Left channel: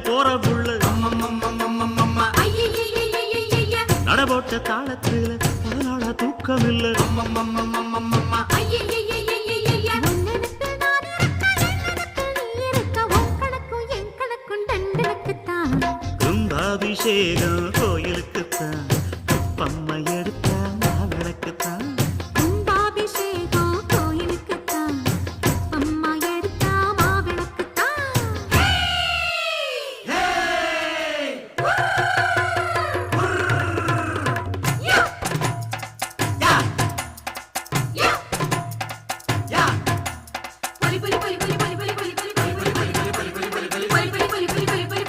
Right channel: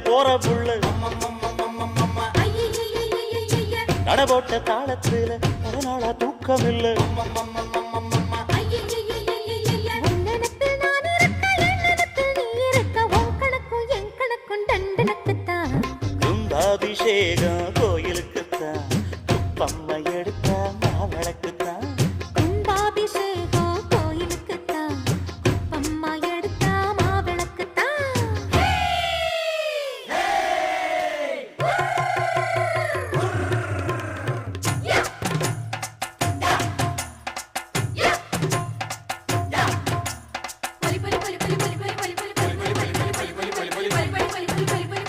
போற புள்ள நடபோட்ட தாளத்துல பல நாளா தூக்கம் இல்ல கும்பாபிஷேகம் கோயிலுக்குத்தான் பம்மை எடுத்த